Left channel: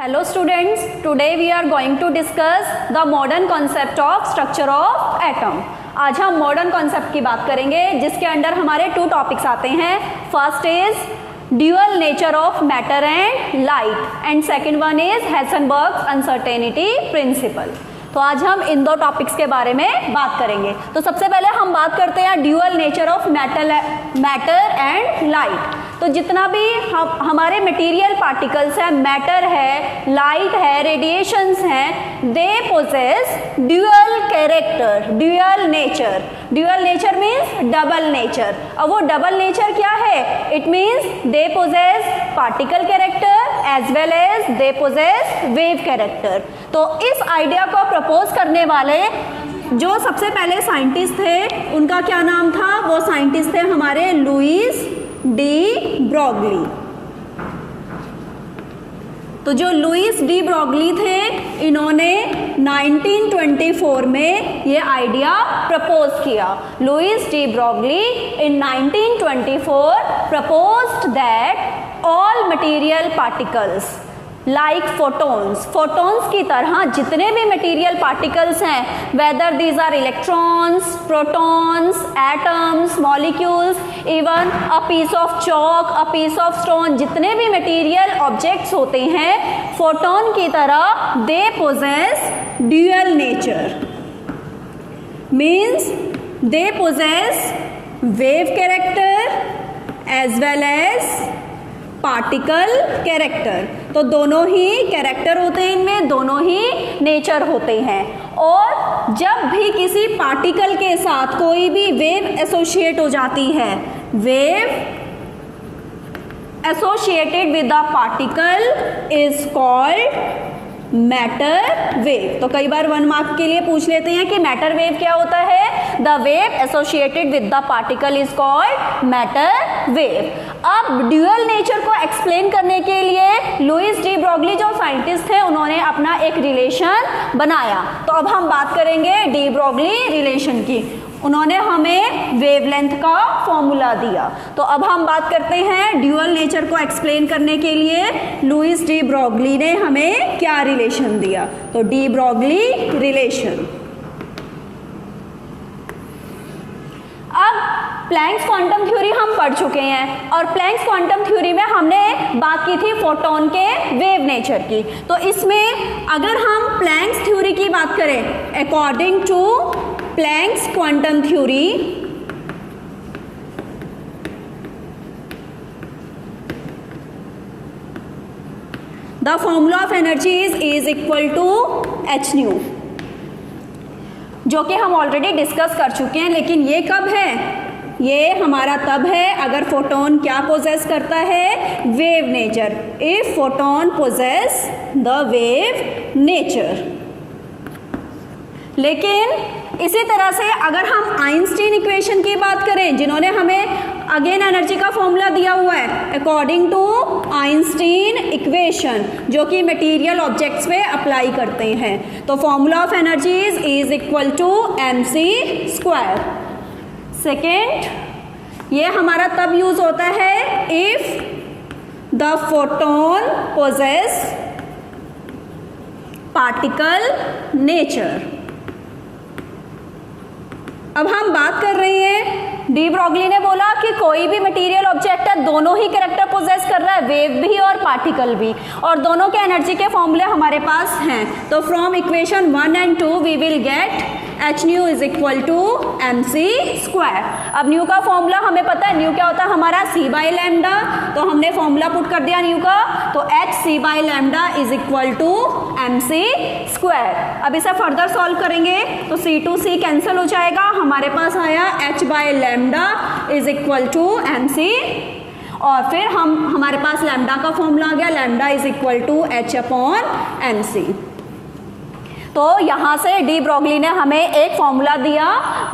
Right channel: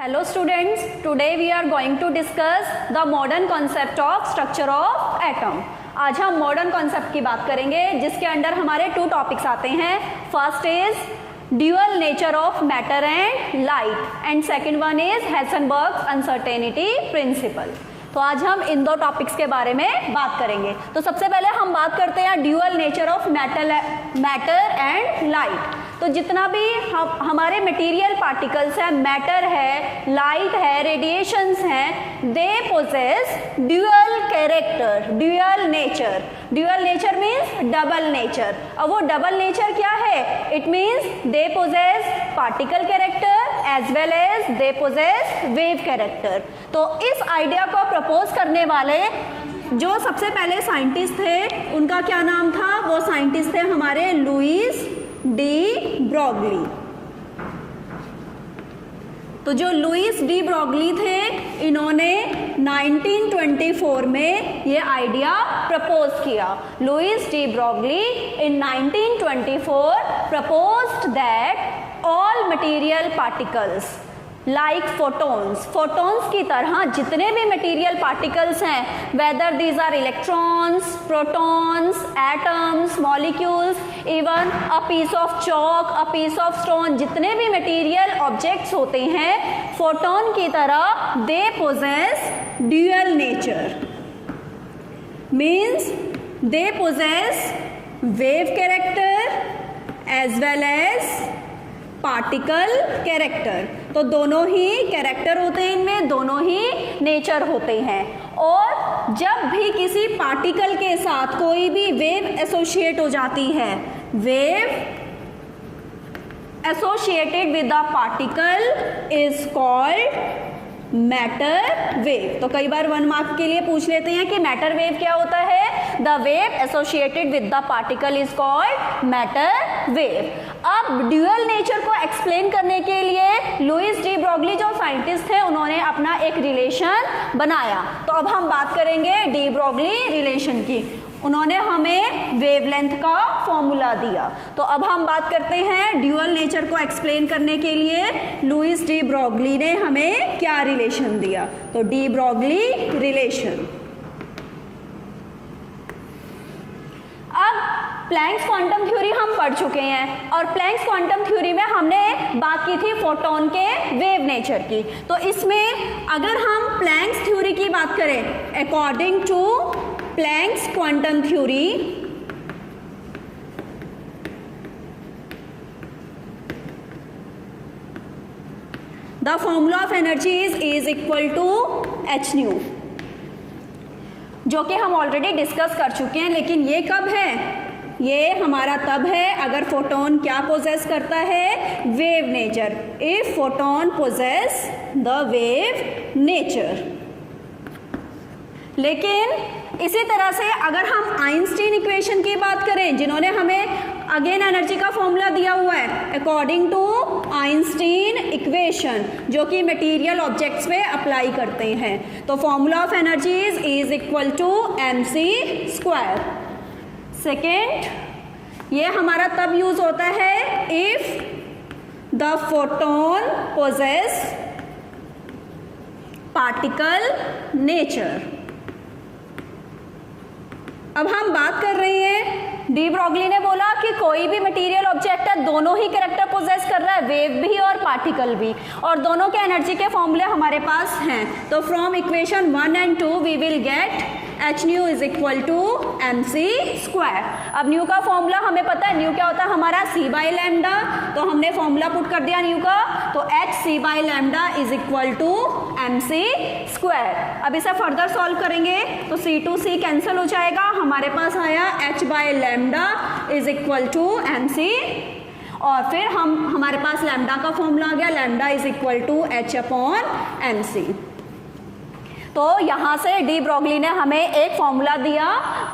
Hello students, today we are going to discuss the modern concept of structure of atom. आज हम modern concept की बात करेंगे जिसके अंडर हमारे टू टॉपिक्स आते हैं. First is dual nature of matter and light and second one is Heisenberg's uncertainty principle. तो आज हम इन दो टॉपिक्स के बारे में बात करेंगे. तो सबसे पहले हम बात करते हैं dual nature of matter and light. तो जितना भी हमारे मटेरियल पार्टिकल्स हैं, मैटर है, लाइट है, रेडिएशंस हैं, they possess dual character, dual nature. Dual nature means double nature. अब वो डबल नेचर क्या है? It means they possess particle character as well as they possess wave character. तो इस आइडिया को प्रपोज करने वाले जो सबसे पहले साइंटिस्ट थे उनका क्या नाम था? वो साइंटिस्ट थे हमारे लुईस डी ब्रॉगली. तो जो लुईस डी ब्रॉगली थे इन्होंने 1924 में ये आइडिया प्रपोज किया. Louis de Broglie in 1924 proposed that all material particles like photons, photons की तरह जितने भी मटेरियल पार्टिकल्स हैं, whether these are electrons, protons, atoms, molecules, even a piece of chalk, a piece of stone, जितने भी material objects होते हैं photon की तरह, they possess dual nature. Means they possess wave character as well as particle character. तो दोनों ही character होते हैं, इनमें दोनों ही नेचर होते हैं. और जब भी किसी पार्टिकल के साथ कोई भी वेव एसोसिएट हो जाती है, wave associated with the particle is called matter wave. तो कई बार 1 मार्क के लिए पूछ लेते हैं कि मैटर वेव क्या होता है. The wave associated with the particle is called matter wave. अब ड्यूअल नेचर को एक्सप्लेन करने के लिए लुईस डी ब्रॉगली जो साइंटिस्ट थे उन्होंने अपना एक रिलेशन बनाया. तो अब हम बात करेंगे डी ब्रॉगली रिलेशन की. उन्होंने हमें वेवलेंथ का फॉर्मूला दिया. तो अब हम बात करते हैं ड्यूअल नेचर को एक्सप्लेन करने के लिए लुईस डी ब्रॉगली ने हमें क्या रिलेशन दिया. तो डी ब्रॉगली रिलेशन. अब प्लैंक्स क्वांटम थ्योरी हम पढ़ चुके हैं और प्लैंक्स क्वांटम थ्योरी में हमने बात की थी फोटॉन के वेव नेचर की. तो इसमें अगर हम प्लैंक्स थ्योरी की बात करें, according to Planck's quantum theory, the formula of energy is equal to h nu, जो कि हम ऑलरेडी डिस्कस कर चुके हैं. लेकिन ये कब है? ये हमारा तब है अगर फोटोन क्या पोजेस करता है? Wave nature. If photon possess the wave nature. लेकिन इसी तरह से अगर हम आइंस्टीन इक्वेशन की बात करें, जिन्होंने हमें अगेन एनर्जी का फॉर्मूला दिया हुआ है अकॉर्डिंग टू आइंस्टीन इक्वेशन, जो कि मटेरियल ऑब्जेक्ट्स पे अप्लाई करते हैं. तो formula of energy is equal to mc square. Second, ये हमारा तब यूज होता है if the photon possess particle nature. अब हम बात कर रहे हैं, डी ब्रॉगली ने बोला कि कोई भी मटेरियल ऑब्जेक्ट है, दोनों ही कैरेक्टर पोजेस कर रहा है, वेव भी और पार्टिकल भी, और दोनों के एनर्जी के फॉर्मूले हमारे पास हैं. तो from equation 1 and 2 we will get h nu is equal to mc square. अब न्यू का फॉर्मूला हमें पता है, न्यू क्या होता है हमारा c बाई लैम्डा. तो हमने फॉर्मूला पुट कर दिया न्यू का, तो h c by lambda is equal to mc square. अब इसे फर्दर सॉल्व करेंगे तो c टू c कैंसिल हो जाएगा, हमारे पास आया h by lambda is equal to mc. और फिर हमारे पास लैम्डा का फॉर्मूला आ गया, lambda is equal to h upon mc. तो यहाँ से डी ब्रॉगली ने हमें एक फॉर्मूला दिया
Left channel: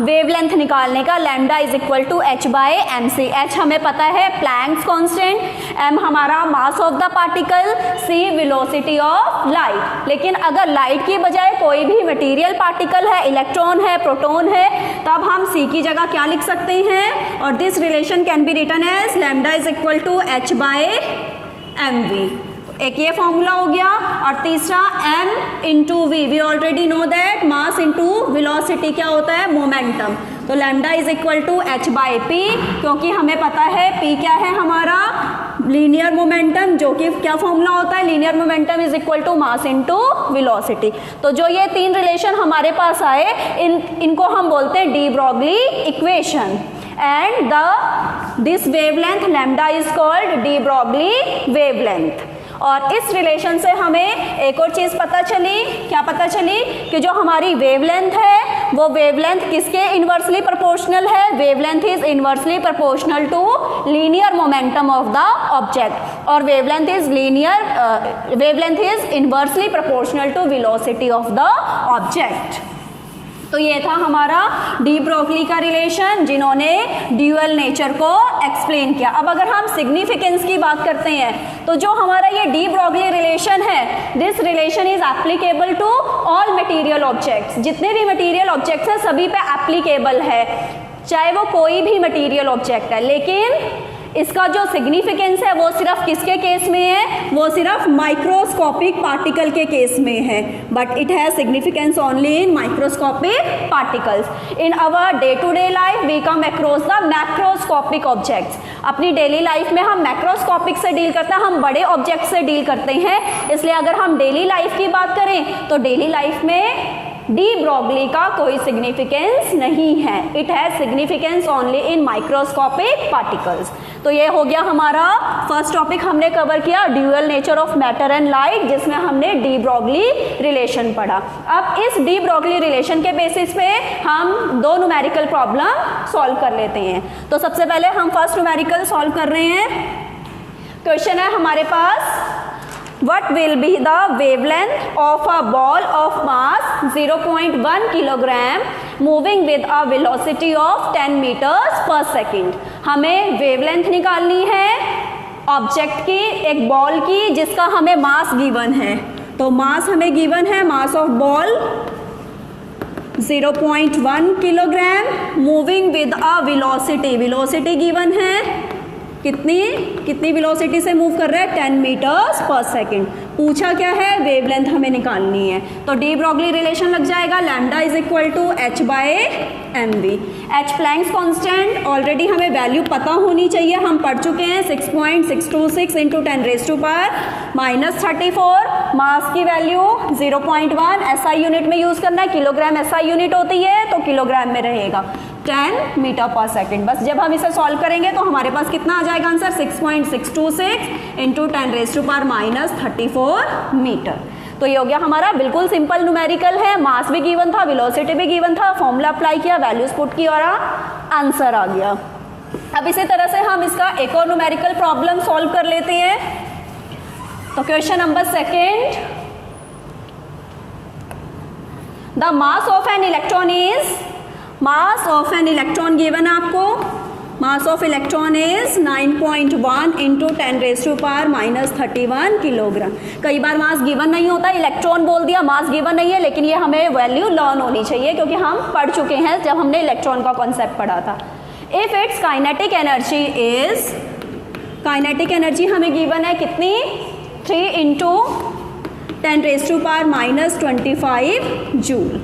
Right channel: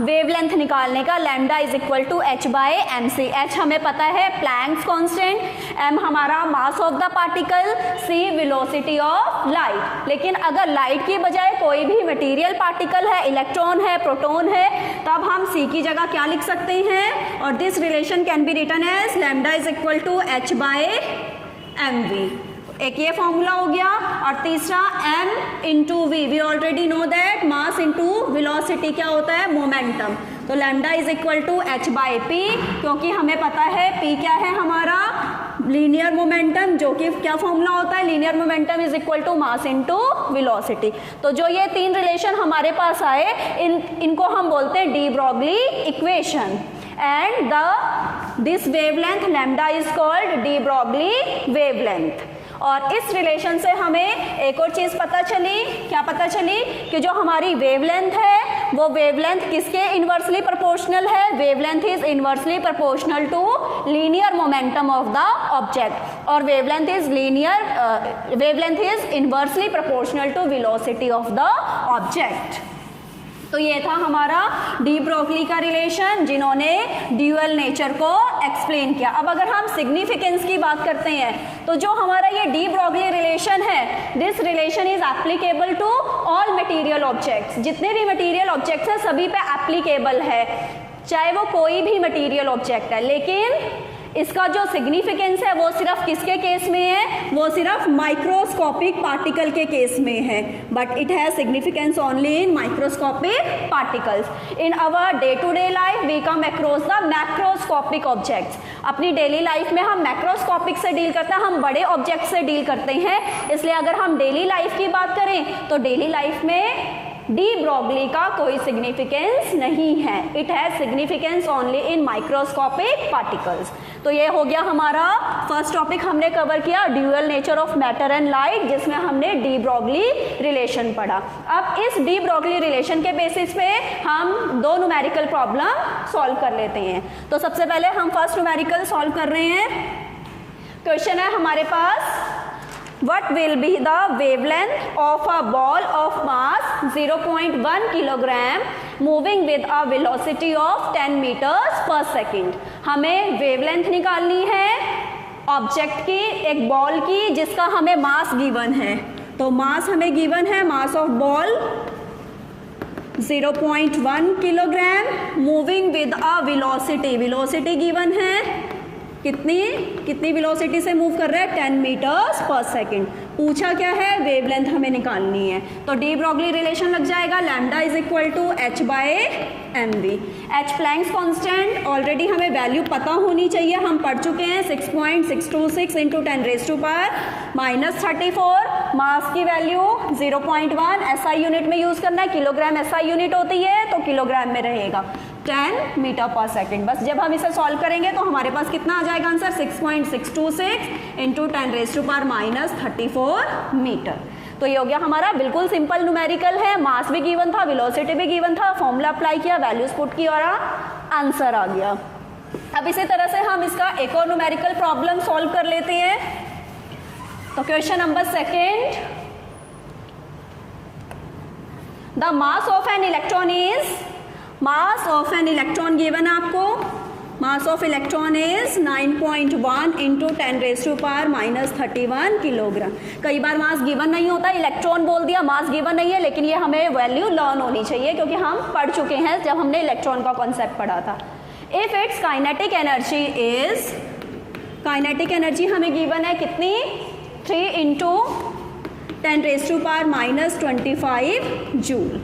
वेवलेंथ निकालने का, lambda is equal to h by mc. h हमें पता है प्लैंक्स कांस्टेंट, m हमारा mass of the particle, c velocity of light. लेकिन अगर लाइट की बजाय कोई भी मटेरियल पार्टिकल है, इलेक्ट्रॉन है, प्रोटॉन है, तब हम c की जगह क्या लिख सकते हैं? और this relation can be written as lambda is equal to h by mv. एक ये फॉर्मूला हो गया. और तीसरा m into v, we already know that mass into velocity क्या होता है, मोमेंटम। तो lambda is equal to h by p, क्योंकि हमें पता है p क्या है हमारा, लीनियर मोमेंटम, जो कि क्या फॉर्मूला होता है, linear momentum is equal to mass into velocity. तो जो ये तीन रिलेशन हमारे पास आए, इनको हम बोलते हैं de Broglie equation, and this wavelength lambda is called de Broglie wavelength. और इस रिलेशन से हमें एक और चीज पता चली, क्या पता चली, कि जो हमारी वेवलेंथ है वो वेवलेंथ किसके इनवर्सली प्रोपोर्शनल है, wavelength is inversely proportional to linear momentum of the object, और wavelength is inversely proportional to velocity of the object. तो ये था हमारा डी ब्रोगली का रिलेशन, जिन्होंने ड्यूअल नेचर को एक्सप्लेन किया। अब अगर हम सिग्निफिकेंस की बात करते हैं, तो जो हमारा ये डी ब्रोगली रिलेशन है, this relation is applicable to all material objects. जितने भी मटेरियल ऑब्जेक्ट्स हैं सभी पे एप्लीकेबल है, चाहे वो कोई भी मटेरियल ऑब्जेक्ट है। लेकिन इसका जो सिग्निफिकेंस है वो सिर्फ किसके केस में है, वो सिर्फ माइक्रोस्कोपिक पार्टिकल के केस में है, but it has significance only in microscopic particles. In our day to day life we come across the macroscopic objects. अपनी डेली लाइफ में हम मैक्रोस्कोपिक से डील करते हैं, हम बड़े ऑब्जेक्ट से डील करते हैं। इसलिए अगर हम डेली लाइफ की बात करें तो डेली लाइफ में डी ब्रॉगली का कोई सिग्निफिकेंस नहीं है, it has significance only in microscopic particles. तो ये हो गया हमारा फर्स्ट टॉपिक, हमने कवर किया dual nature of matter and light, जिसमें हमने डी ब्रॉगली रिलेशन पढ़ा। अब इस डी ब्रॉगली रिलेशन के बेसिस पे हम दो न्यूमेरिकल प्रॉब्लम सॉल्व कर लेते हैं। तो सबसे पहले हम फर्स्ट न्यूमेरिकल सॉल्व कर रहे हैं। क्वेश्चन है हमारे पास, what will be the wavelength of a ball of mass 0.1 kilogram moving with a velocity of 10 meters per second। हमें वेवलेंथ निकालनी है ऑब्जेक्ट की, एक बॉल की, जिसका हमें मास गिवन है। तो मास हमें गिवन है, mass of ball 0.1 kilogram, moving with a velocity, velocity given है कितनी वेलोसिटी से मूव कर रहा है, 10 मीटर्स पर सेकेंड। पूछा क्या है, वेवलेंथ हमें निकालनी है। तो डी ब्रॉगली रिलेशन लग जाएगा, lambda is equal to h by m v. H Planck's constant already हमें वैल्यू पता होनी चाहिए, हम पढ़ चुके हैं, 6.626 इंटू 10⁻⁻34। मास की वैल्यू 0.1, SI यूनिट में यूज करना है, किलोग्राम SI यूनिट होती है तो किलोग्राम में रहेगा, 10 मीटर पर सेकेंड। बस जब हम इसे सॉल्व करेंगे तो हमारे पास कितना आ जाएगा आंसर, 6.626 इंटू 10⁻34 मीटर। तो ये हो गया हमारा बिल्कुल सिंपल न्यूमेरिकल है, मास भी गिवन था, वेलोसिटी भी गिवन था, फॉर्मूला अप्लाई किया, वैल्यूज पुट की और आंसर आ गया। अब इसी तरह से हम इसका एक और न्यूमेरिकल प्रॉब्लम सॉल्व कर लेते हैं। तो question number second, the mass of an electron is, mass of an electron given है आपको, mass of electron is 9.1 into 10⁻31 kilogram. कई बार मास गिवन नहीं होता, इलेक्ट्रॉन बोल दिया, मास गिवन नहीं है, लेकिन ये हमें वैल्यू लर्न होनी चाहिए क्योंकि हम पढ़ चुके हैं जब हमने इलेक्ट्रॉन का कॉन्सेप्ट पढ़ा था। If it's kinetic energy is, kinetic energy हमें गिवन है कितनी, 3 into 10⁻⁻25 joule.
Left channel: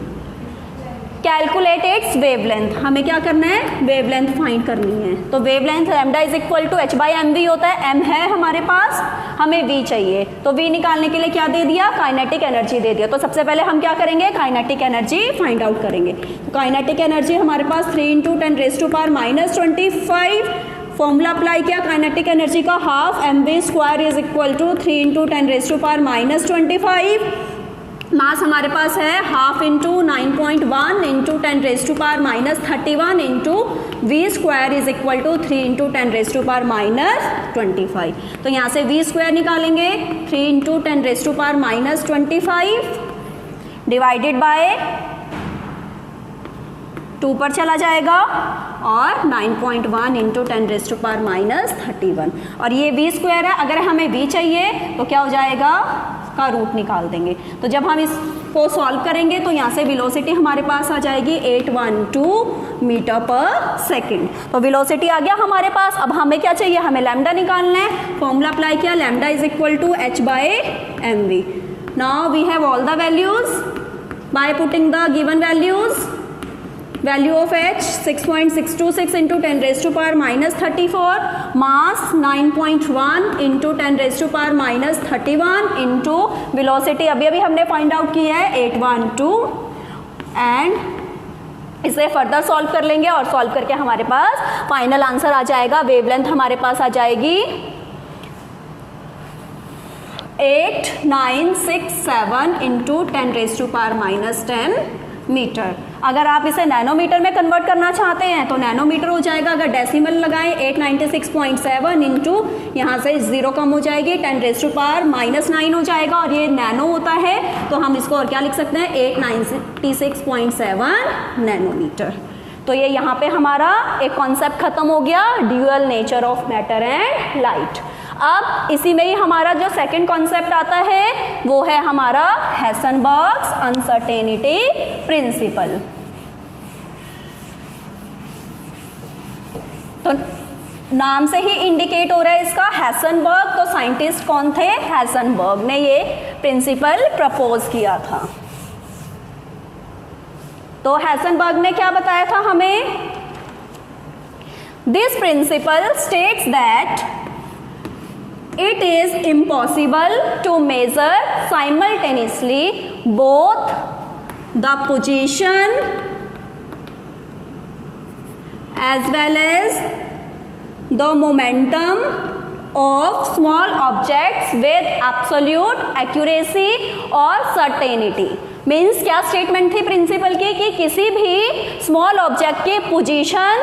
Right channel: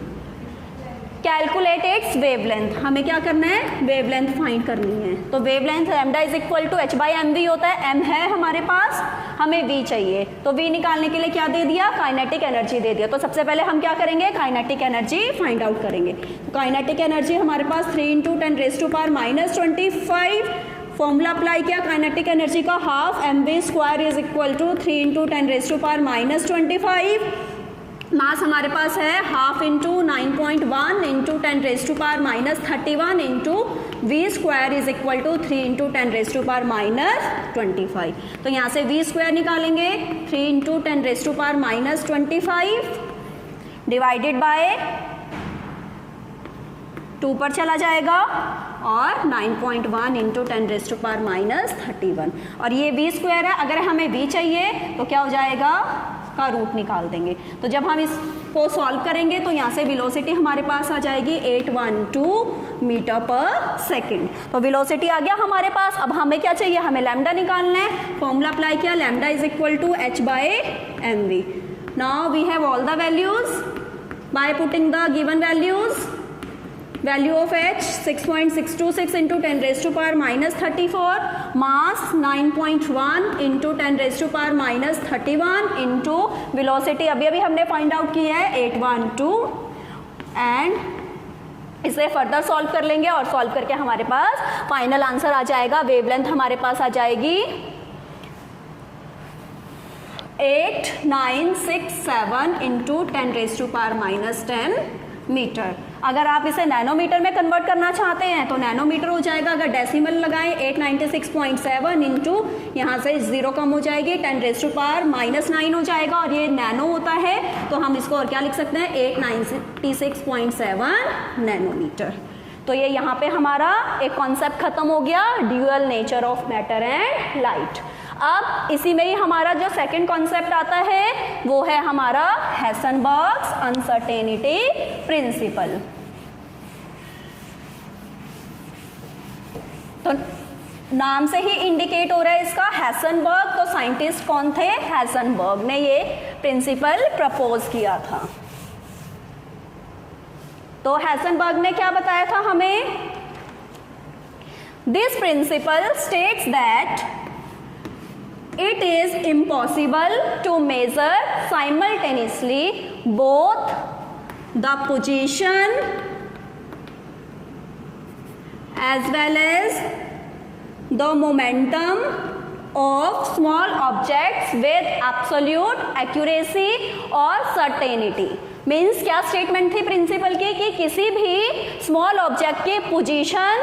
Calculate its wavelength, हमें क्या करना है, वेवलेंथ फाइंड करनी है। तो wavelength lambda is equal to h by m v होता है, m है हमारे पास, हमें v चाहिए। तो v निकालने के लिए क्या दे दिया, काइनेटिक एनर्जी दे दिया। तो सबसे पहले हम क्या करेंगे, काइनेटिक एनर्जी फाइंड आउट करेंगे। तो काइनेटिक एनर्जी हमारे पास 3 इंटू 10⁻⁻25, फॉर्मूला अप्लाई किया काइनेटिक एनर्जी का, half mv² is equal to 3 into 10⁻⁻25। Mass हमारे पास है half into 9.1 into 10⁻⁻31 into v² is equal to 3 into 10⁻⁻25। तो यहाँ से v² निकालेंगे, 3 इंटू 10⁻⁻25 डिवाइडेड बाय 2 पर चला जाएगा, और 9.1 इंटू 10⁻31। और ये v² है, अगर हमें v चाहिए तो क्या हो जाएगा, का रूट निकाल देंगे। तो जब हम इसको सॉल्व करेंगे तो यहाँ से वेलोसिटी हमारे पास आ जाएगी 812 मीटर पर सेकेंड। तो वेलोसिटी आ गया हमारे पास। अब हमें क्या चाहिए, हमें लैम्डा निकालना है, फॉर्मूला अप्लाई किया, lambda is equal to h by m v. Now we have all the values. By putting the given values, value of H 6.626 into 10 raised to power minus 34, mass 9.1 into 10 raised to power minus 31 into velocity अभी अभी हमने find out किया है 812 and इसे further solve कर लेंगे और solve करके हमारे पास फाइनल आंसर आ जाएगा। वेवलेंथ हमारे पास आ जाएगी 8967 into 10 raise to power minus 10 metre. अगर आप इसे नैनोमीटर में कन्वर्ट करना चाहते हैं तो नैनोमीटर हो जाएगा। अगर डेसिमल लगाएं 896.7 इंटू यहाँ से 0 कम हो जाएगी 10 रेज टू पावर माइनस 9 हो जाएगा और ये नैनो होता है तो हम इसको और क्या लिख सकते हैं 896.7 नैनोमीटर। तो ये यहाँ पे हमारा एक कॉन्सेप्ट खत्म हो गया, dual nature of matter and light. अब इसी में ही हमारा जो सेकंड कॉन्सेप्ट आता है वो है हमारा हेसनबर्ग्स अनसर्टेनिटी प्रिंसिपल। तो नाम से ही इंडिकेट हो रहा है इसका हेसनबर्ग। तो साइंटिस्ट कौन थे? हेसनबर्ग ने ये प्रिंसिपल प्रपोज किया था। तो हेसनबर्ग ने क्या बताया था हमें? This principle states that it is impossible to measure simultaneously both the position as well as the momentum of small objects with absolute accuracy or certainty। Means क्या स्टेटमेंट थी प्रिंसिपल की कि किसी भी स्मॉल ऑब्जेक्ट की position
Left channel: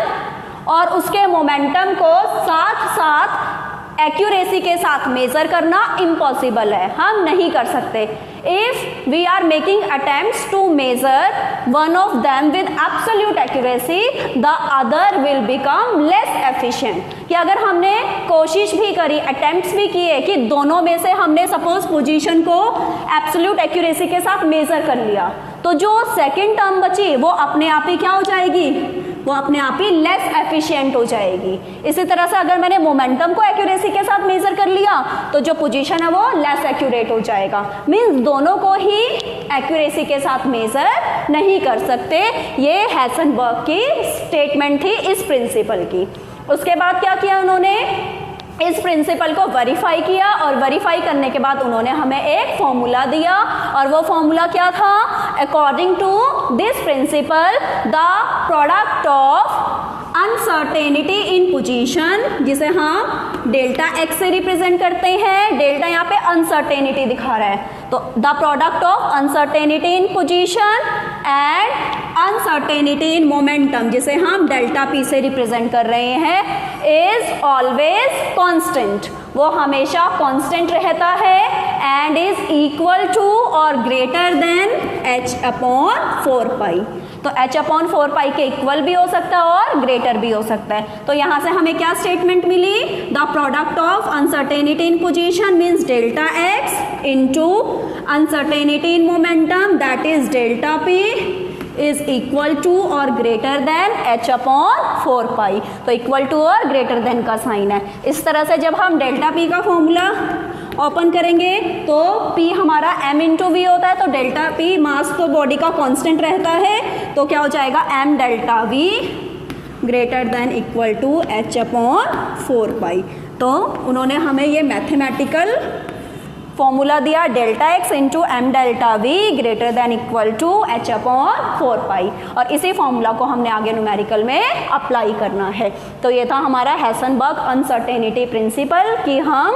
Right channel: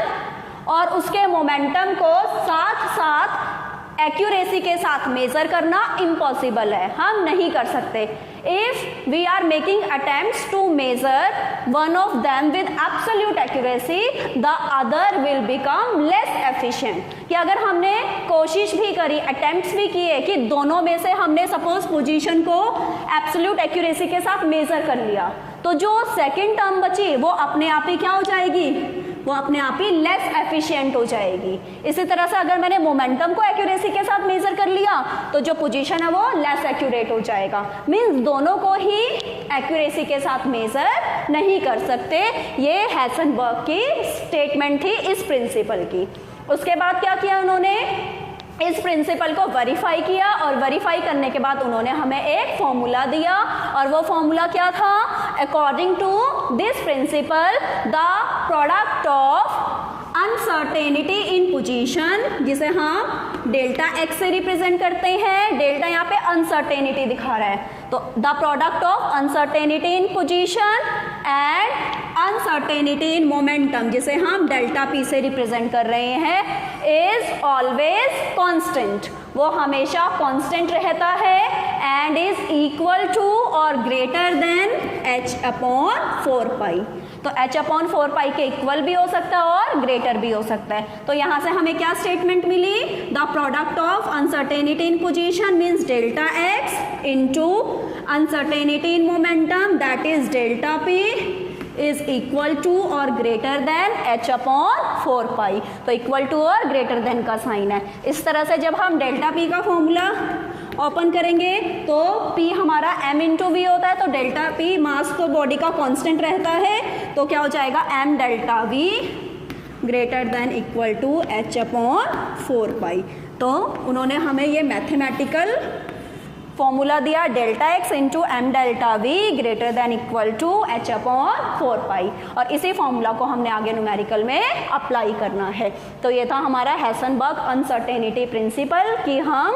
और उसके momentum को साथ साथ एक्यूरेसी के साथ मेजर करना इम्पॉसिबल है, हम नहीं कर सकते। If we are making attempts to measure one of them with absolute accuracy the other will become less efficient. कि अगर हमने कोशिश भी करी, अटेम्प्ट्स भी किए कि दोनों में से हमने सपोज पोजीशन को एब्सोल्यूट एक्यूरेसी के साथ मेजर कर लिया तो जो सेकेंड टर्म बची वो अपने आप ही क्या हो जाएगी? वो अपने आप ही लेस एफिशिएंट हो जाएगी। इसी तरह से अगर मैंने मोमेंटम को एक्यूरेसी के साथ मेजर कर लिया तो जो पोजीशन है वो लेस एक्यूरेट हो जाएगा। मींस दोनों को ही एक्यूरेसी के साथ मेजर नहीं कर सकते। ये हेसनबर्ग की स्टेटमेंट थी इस प्रिंसिपल की। उसके बाद क्या किया उन्होंने? इस प्रिंसिपल को वेरीफाई किया और वेरीफाई करने के बाद उन्होंने हमें एक फॉर्मूला दिया और वो फॉर्मूला क्या था? According to this principle the product of uncertainty in position, जिसे हम डेल्टा एक्स से रिप्रेजेंट करते हैं, डेल्टा यहाँ पे अनसर्टेनिटी दिखा रहा है, तो the product of uncertainty in position and uncertainty in momentum, जिसे हम डेल्टा पी से रिप्रेजेंट कर रहे हैं, इज ऑलवेज कांस्टेंट। वो हमेशा कांस्टेंट रहता है एंड इज इक्वल टू और greater than h upon 4 pi. तो h अपॉन 4 पाई के इक्वल भी हो सकता है और ग्रेटर भी हो सकता है। तो यहाँ से हमें क्या स्टेटमेंट मिली? The product of uncertainty in position means delta x into uncertainty in momentum that is delta p is equal to और greater than h upon 4 pi. तो इक्वल टू और ग्रेटर देन का साइन है। इस तरह से जब हम डेल्टा p का फॉर्मूला ओपन करेंगे तो p हमारा m इंटू वी होता है, तो डेल्टा p मास तो बॉडी का कांस्टेंट रहता है, तो क्या हो जाएगा m delta v greater than equal to h upon 4 pi. तो उन्होंने हमें ये मैथमेटिकल फॉर्मूला दिया delta x into m delta v greater than equal to h upon 4 pi, और इसी फॉर्मूला को हमने आगे न्यूमेरिकल में अप्लाई करना है। तो ये था हमारा हेसनबर्ग अनसर्टेनिटी प्रिंसिपल कि हम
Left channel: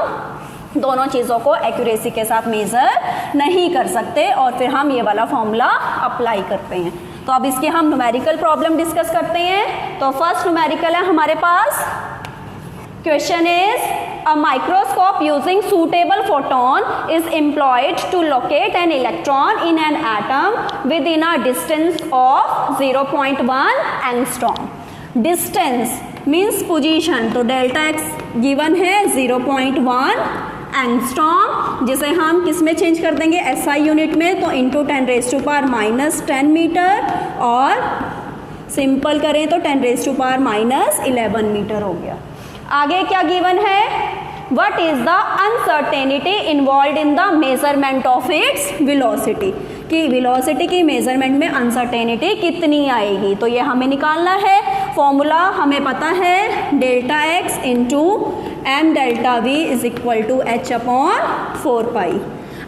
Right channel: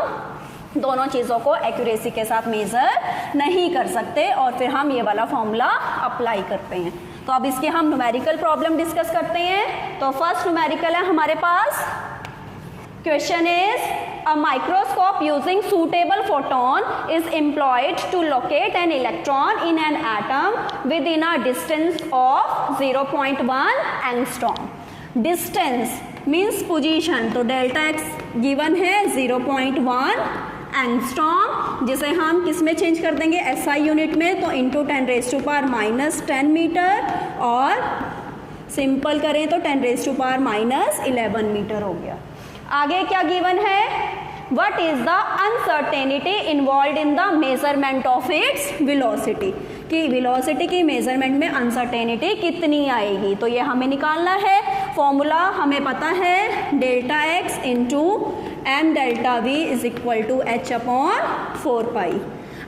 दोनों चीज़ों को एक्यूरेसी के साथ मेजर नहीं कर सकते और फिर हम ये वाला फॉर्मूला अप्लाई करते हैं। तो अब इसके हम न्यूमेरिकल प्रॉब्लम डिस्कस करते हैं। तो फर्स्ट न्यूमेरिकल है हमारे पास, question is a microscope using suitable photon is employed to locate an electron in an atom within a distance of 0.1 angstrom. Distance means position, तो डेल्टा x गिवन है 0.1 angstrom, जिसे हम किस में चेंज कर देंगे? SI यूनिट में, तो into 10 raise to power minus 10 metre और सिंपल करें तो 10 raise to power minus 11 metre हो गया। आगे क्या गिवन है? What is the uncertainty involve in the measurement of its velocity, कि वेलोसिटी की मेजरमेंट में अनसर्टेनिटी कितनी आएगी। तो ये हमें निकालना है। फॉर्मूला हमें पता है delta x into m delta v is equal to h upon 4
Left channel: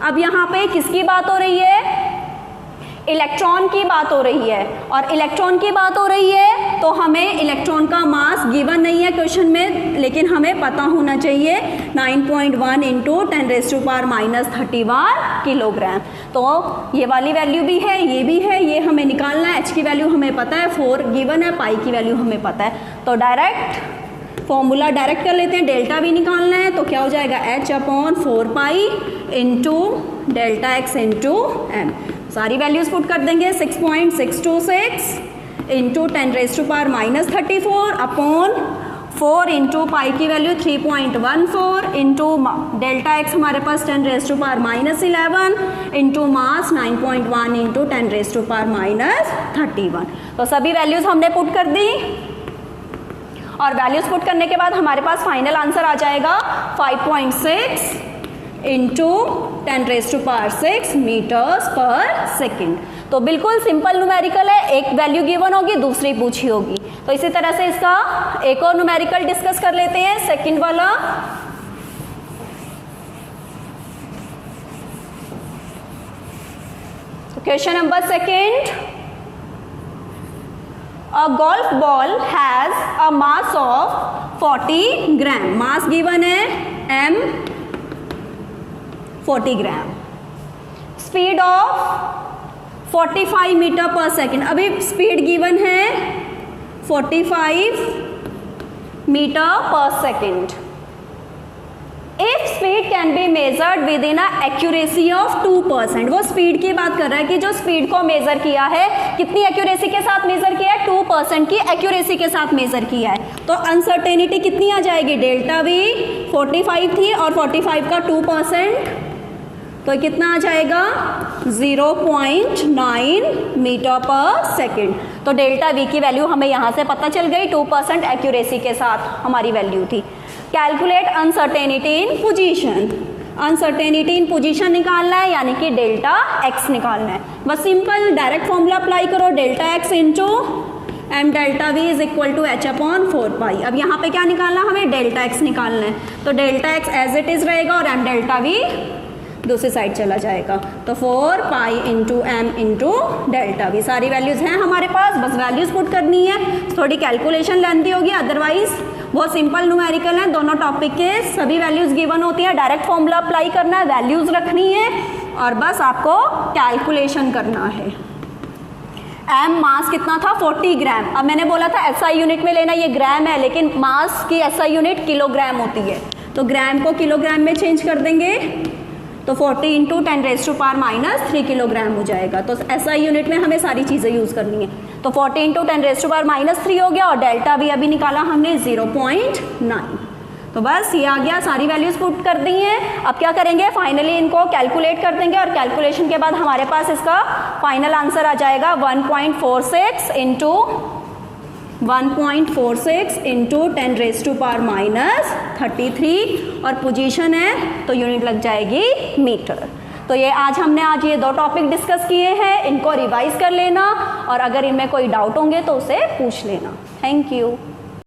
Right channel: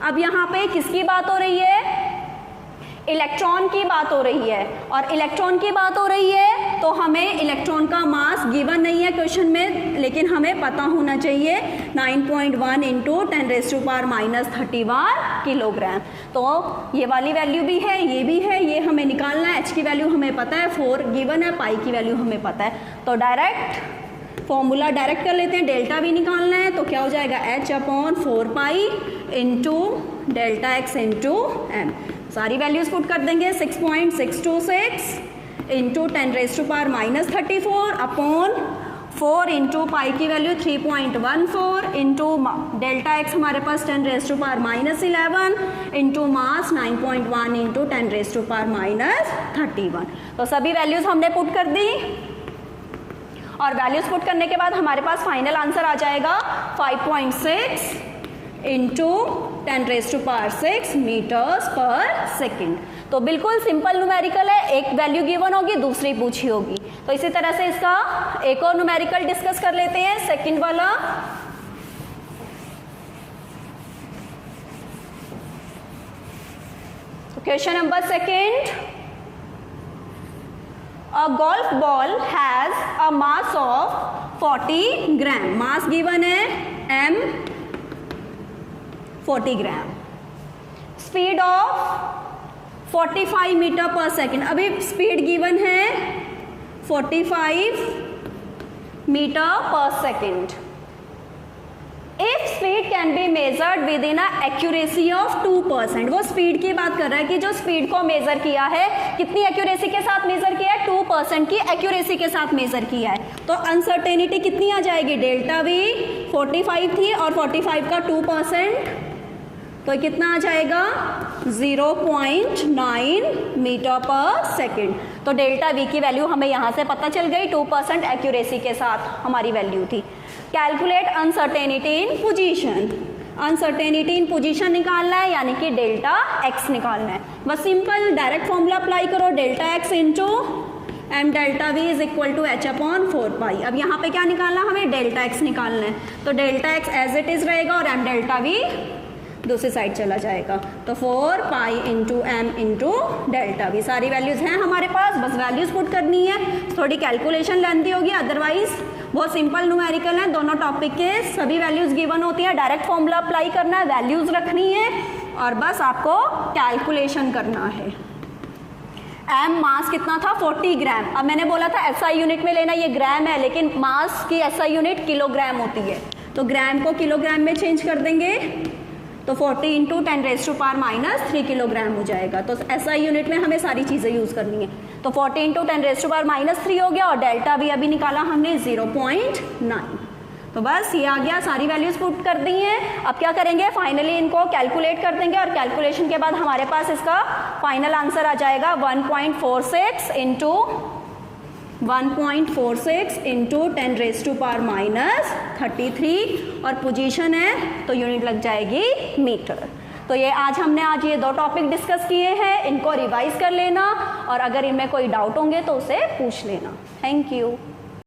अब यहाँ पे किसकी बात हो रही है? इलेक्ट्रॉन की बात हो रही है, और इलेक्ट्रॉन की बात हो रही है तो हमें इलेक्ट्रॉन का मास गिवन नहीं है क्वेश्चन में, लेकिन हमें पता होना चाहिए 9.1 इंटू 10⁻³ किलोग्राम। तो ये वाली वैल्यू भी है, ये भी है, ये हमें निकालना है। एच की वैल्यू हमें पता है 4 गिवन है, पाई की वैल्यू हमें पता है। तो डायरेक्ट फॉर्मूला डायरेक्ट कर लेते हैं। डेल्टा भी निकालना है तो क्या हो जाएगा h upon 4 into delta x into m. सारी वैल्यूज पुट कर देंगे। 6.626 इंटू 10⁻³ अपॉन 4 इंटू पाई की वैल्यू 3.14 इंटू डेल्टा एक्स हमारे पास 10⁻11 इंटू मास 9.1 इंटू 10⁻31। तो सभी वैल्यूज हमने पुट कर दी, और वैल्यूज पुट करने के बाद हमारे पास फाइनल आंसर आ जाएगा 5.6 इंटू 10⁻6 मीटर्स पर सेकेंड। तो बिल्कुल सिंपल न्यूमेरिकल है, एक वैल्यू गिवन होगी, दूसरी पूछी होगी। तो इसी तरह से इसका एक और न्यूमेरिकल डिस्कस कर लेते हैं, सेकेंड वाला। Question number second, a golf ball has a mass of 40 gram. Mass given है m 40 gram, speed of 45 metre per second. अभी स्पीड गिवन है 45 metre per second. If speed can be measured within accuracy of 2%। वो speed की बात कर रहा है कि जो स्पीड को मेजर किया है कितनी एक्यूरेसी के साथ मेजर किया है? 2% की एक्यूरेसी के साथ मेजर किया है। तो अनसर्टेनिटी कितनी आ जाएगी? डेल्टा वी 45 थी और 45 का 2%, तो कितना आ जाएगा? 0.9 मीटर पर सेकेंड। तो डेल्टा वी की वैल्यू हमें यहाँ से पता चल गई, 2% एक्यूरेसी के साथ हमारी वैल्यू थी। Calculate uncertainty in position. Uncertainty in position निकालना है, यानी कि डेल्टा एक्स निकालना है। बस सिंपल डायरेक्ट फॉर्मूला अप्लाई करो, delta x into m delta v is equal to h upon 4 अब यहाँ पे क्या निकालना, हमें डेल्टा एक्स निकालना है। तो delta x as it is रहेगा और एम डेल्टा वी दूसरी साइड चला जाएगा। तो 4 into m into delta v, सारी वैल्यूज हैं हमारे पास, बस वैल्यूज पुट करनी है। थोड़ी कैलकुलेशन लेंथी होगी, अदरवाइज बहुत सिंपल न्यूमेरिकल है। दोनों टॉपिक के सभी वैल्यूज गिवन होती है, डायरेक्ट फॉर्मूला अप्लाई करना है, वैल्यूज रखनी है और बस आपको कैलकुलेशन करना है। एम मास कितना था? 40 ग्राम। अब मैंने बोला था एसआई यूनिट में लेना, ये ग्राम है, लेकिन मास की एसआई यूनिट किलोग्राम होती है, तो ग्राम को किलोग्राम में चेंज कर देंगे। तो 40 इंटू 10⁻³ किलोग्राम हो जाएगा। तो एसआई यूनिट में हमें सारी चीज़ें यूज़ करनी है। तो 40 इंटू 10⁻³ हो गया, और डेल्टा भी अभी निकाला हमने 0.9। तो बस ये आ गया, सारी वैल्यूज पुट कर दी हैं। अब क्या करेंगे, फाइनली इनको कैलकुलेट कर देंगे, और कैलकुलेशन के बाद हमारे पास इसका फाइनल आंसर आ जाएगा 1.46 इंटू 10⁻³ और पोजीशन है तो यूनिट लग जाएगी मीटर। तो ये आज ये 2 टॉपिक डिस्कस किए हैं, इनको रिवाइज कर लेना, और अगर इनमें कोई डाउट होंगे तो उसे पूछ लेना। Thank you.